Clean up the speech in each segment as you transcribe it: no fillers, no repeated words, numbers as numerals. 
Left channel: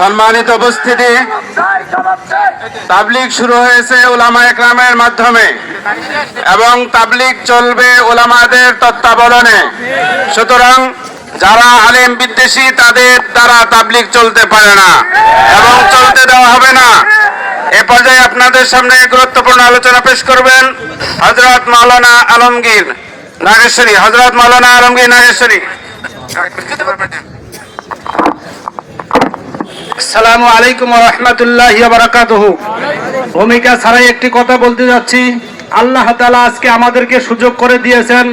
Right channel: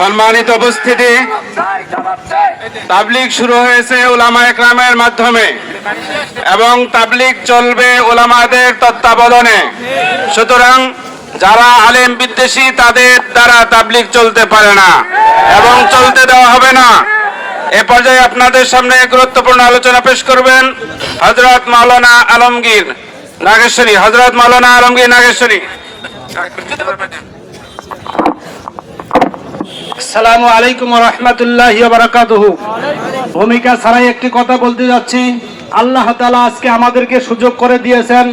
সম্মানিত উপস্থিতি, তাবলীগ শুরু হয়েছে উলামায়ে কেরামের মাধ্যমে এবং তাবলীগ চলবে উলামাদের তত্ত্বাবধানে। সুতরাং যারা আলেম বিদ্বেষী তাদের দ্বারা তাবলীগ চলতে পারে না এবং চলতে দেওয়া হবে না। এ পর্যায়ে আপনাদের সামনে গুরুত্বপূর্ণ আলোচনা পেশ করবেন হযরত মাওলানা আলমগীর নাগেশ্বরী। হযরত মাওলানা আলমগীর নাগেশ্বরী। আসসালামু আলাইকুম ওয়া রাহমাতুল্লাহি ওয়া বারাকাতুহু। ভূমিকা ছাড়াই একটি কথা বলতে যাচ্ছি। আল্লাহ তাআলা আজকে আমাদেরকে সুযোগ করে দিয়েছেন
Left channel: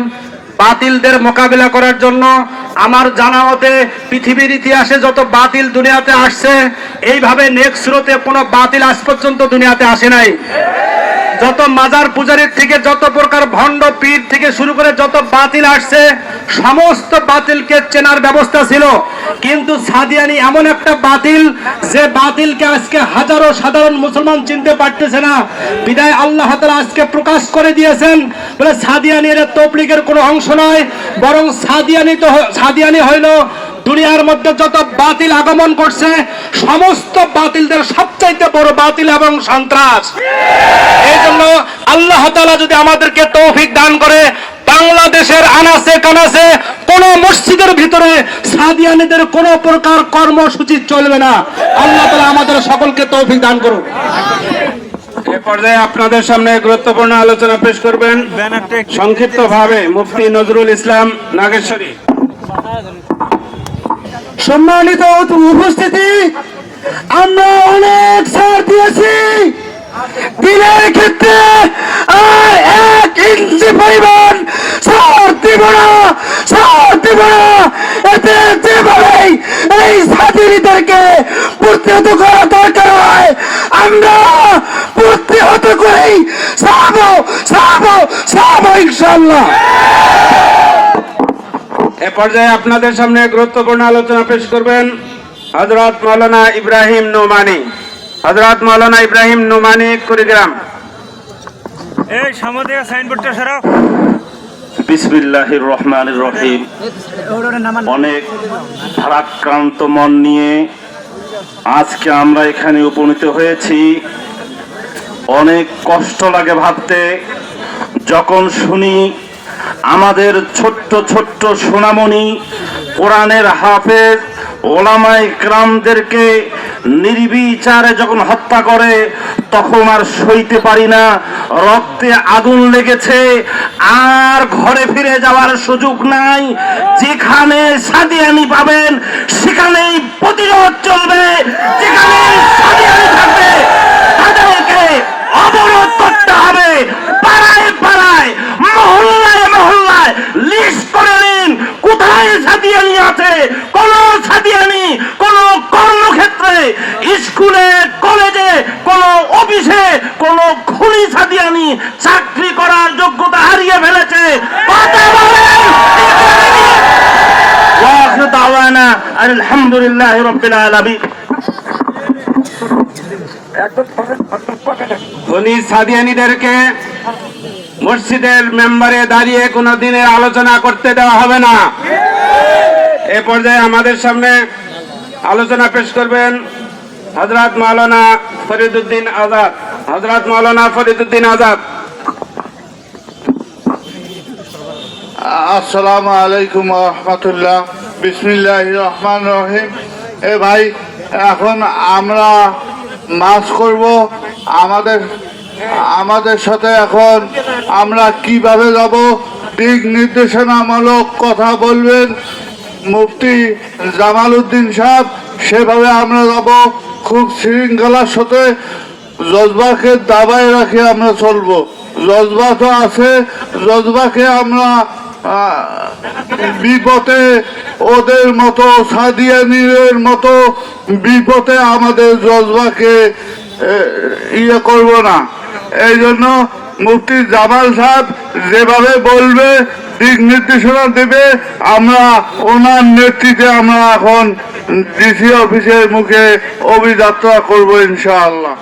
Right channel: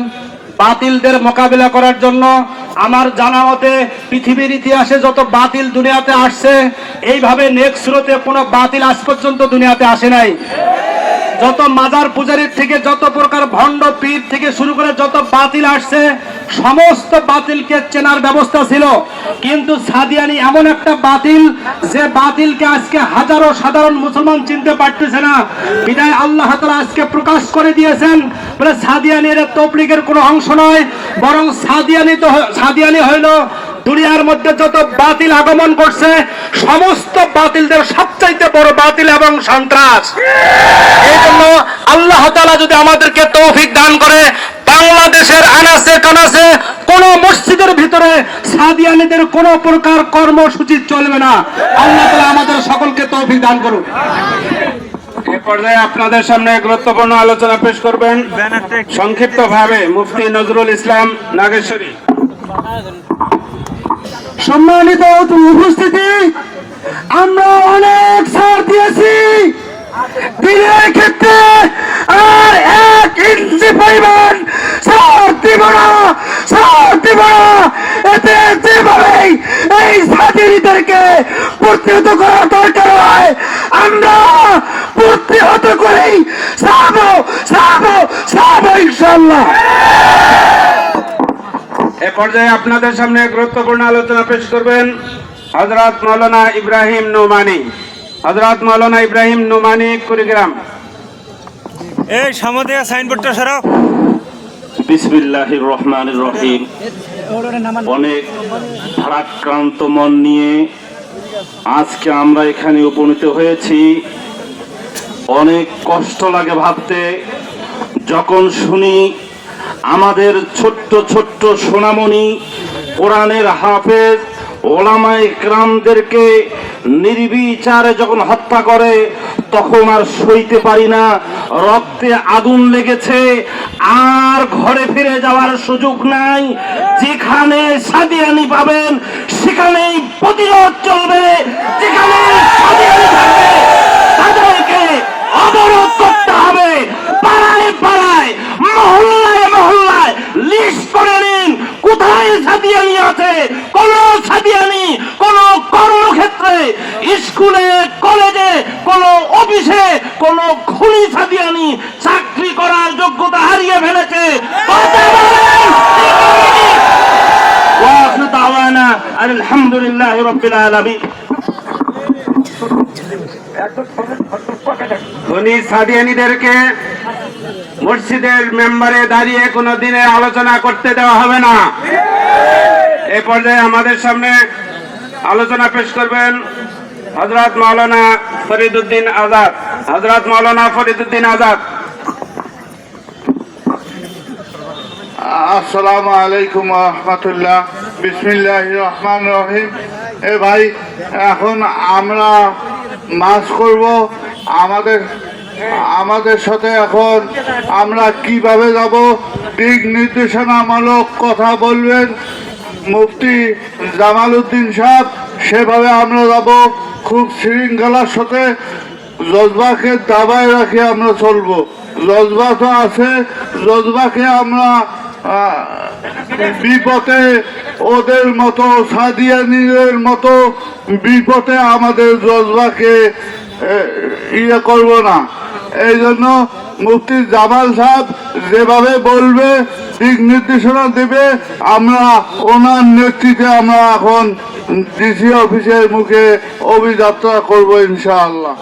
বাতিলদের মোকাবিলা করার জন্য। আমার জানা মতে পৃথিবীর ইতিহাসে যত বাতিল দুনিয়াতে আসছে, এইভাবে নেক্সট স্রোতে কোনো বাতিল আজ পর্যন্ত দুনিয়াতে আসে নাই। যত মাজার পূজারীর থেকে যত প্রকার ভণ্ড পীর থেকে শুরু করে যত বাতিল আসছে, সমস্ত বাতিলকে চেনার ব্যবস্থা ছিল। কিন্তু সাদিয়ানি এমন একটা বাতিল, যে বাতিলকে আজকে হাজারো সাধারণ মুসলমান চিনতে পারতেছে না। বিদায় আল্লাহ তাআলা আজকে প্রকাশ করে দিয়েছেন, বলে সাদিয়ানি এর তবলীগের কোনো অংশ নয়, বরং সাদিয়ানি হইল দুনিয়ার মধ্যে যত বাতিল আগমন করছে সমস্ত বাতিলদের সবচাইতে বড় বাতিল এবং সন্ত্রাস। এই জন্য আল্লাহ তাআলা যদি আমাদেরকে তৌফিক দান করে, বাংলাদেশের আনাচে কানাচে কোন মসজিদের ভিতরে সাদিয়ানীদের কোন প্রকার কর্মসূচি চলবে না। আল্লাহ তাআলা আমাদের সকলকে তৌফিক দান করুন। এ পর্যায়ে আপনাদের সামনে গুরুত্বপূর্ণ আলোচনা পেশ করবেন সংক্ষিপ্তভাবে মুফতি নজরুল ইসলাম নাগেশ্বরী। সম্মানিত উপস্থিতি, আমরা অনেক ছাড় দিয়েছি দিনের ক্ষেত্রে, আর 1 ইঞ্চি পরিমাণ ছাড় দিব না। এতে যেভাবেই এই সাদিয়ানীদেরকে প্রতিহত করা দরকার হয়, আমরা প্রতিহত করেই ছাড়বো ইনশাআল্লাহ। এ পর্যায়ে আপনাদের সামনে গুরুত্বপূর্ণ আলোচনা পেশ করবেন হযরত মাওলানা ইব্রাহিম নোমানী। হযরত মাওলানা ইব্রাহিম নোমানী, কুড়িগ্রাম। এই সামনে সাইনবোর্ডটা সরাও। বিসমিল্লাহির রহমানির রহিম। অনেক ভারাক্রান্ত মন নিয়ে আজকে আমরা এখানে উপনীত হয়েছি। অনেক কষ্ট লাগে ভাবতে, যখন শুনি আমাদের ছোট্ট ছোট্ট সোনামণি কোরআনের হাফেজ ওলামায়ে কেরামদেরকে নির্বিচারে যখন হত্যা করে, তখন আর সইতে পারি না। রক্তে আগুন লেগেছে, আর ঘরে ফিরে যাওয়ার সুযোগ নাই। যেখানে সাদিয়ানি পাবেন সেখানেই প্রতিরোধ চলবে, যেখানে সাদিয়ানি থাকবে তাদেরকে অবরোধ করতে হবে। পাড়ায় পাড়ায়, মহল্লায় লিস্ট করে নিন কোথায় সাদিয়ানি আছে। কোন সাদিয়ানি কোন কর্মক্ষেত্রে, স্কুলে, কলেজে, কোন অফিসে কোন খুনি সাদিয়ানি চাকরি করার যোগ্যতা হারিয়ে ফেলেছে। আলহামদুলিল্লাহি রাব্বিল আলামিন। ধনী সাদিয়ানীদেরকে মসজিদের মেম্বারে দাঁড়িয়ে কোনো দিনে আলোচনা করতে দেওয়া হবে না। এ পর্যায়ে আমাদের সামনে আলোচনা পেশ করবেন হযরত মাওলানা ফরিদউদ্দিন আজাদ। হযরত মাওলানা ফরিদউদ্দিন আজাদ। আসসালামু আলাইকুম ওয়া রাহমাতুল্লাহ। বিসমিল্লাহির রহমানির রহিম। এ ভাই, এখন আমরা মাস করব। আমাদের সাথে এখন আমরা কিভাবে যাব, দিক নির্দেশনামূলক কথা বলবেন মুফতি জামাল উদ্দিন সাহেব, সেভাবে আমরা যাব। খুব শৃঙ্খলার সাথে জজবাকে দাবায় রাখে আমরা চলবো। জজবা তো আছে, জজবাকে আমরা বিপদে ওদের মতো সাদিয়ানীদের মতো বিপদে আমাদের জজবাকে ইয়ে করব না। এই জন্য মুফতি জামাল সাহেব যেভাবে বলবে, দিক নির্দেশনা দেবে, আমরা ওনার নেতৃত্বে আমরা এখন ডিসি অফিসের মুখে অভিযাত্রা করবো ইনশাআল্লাহ।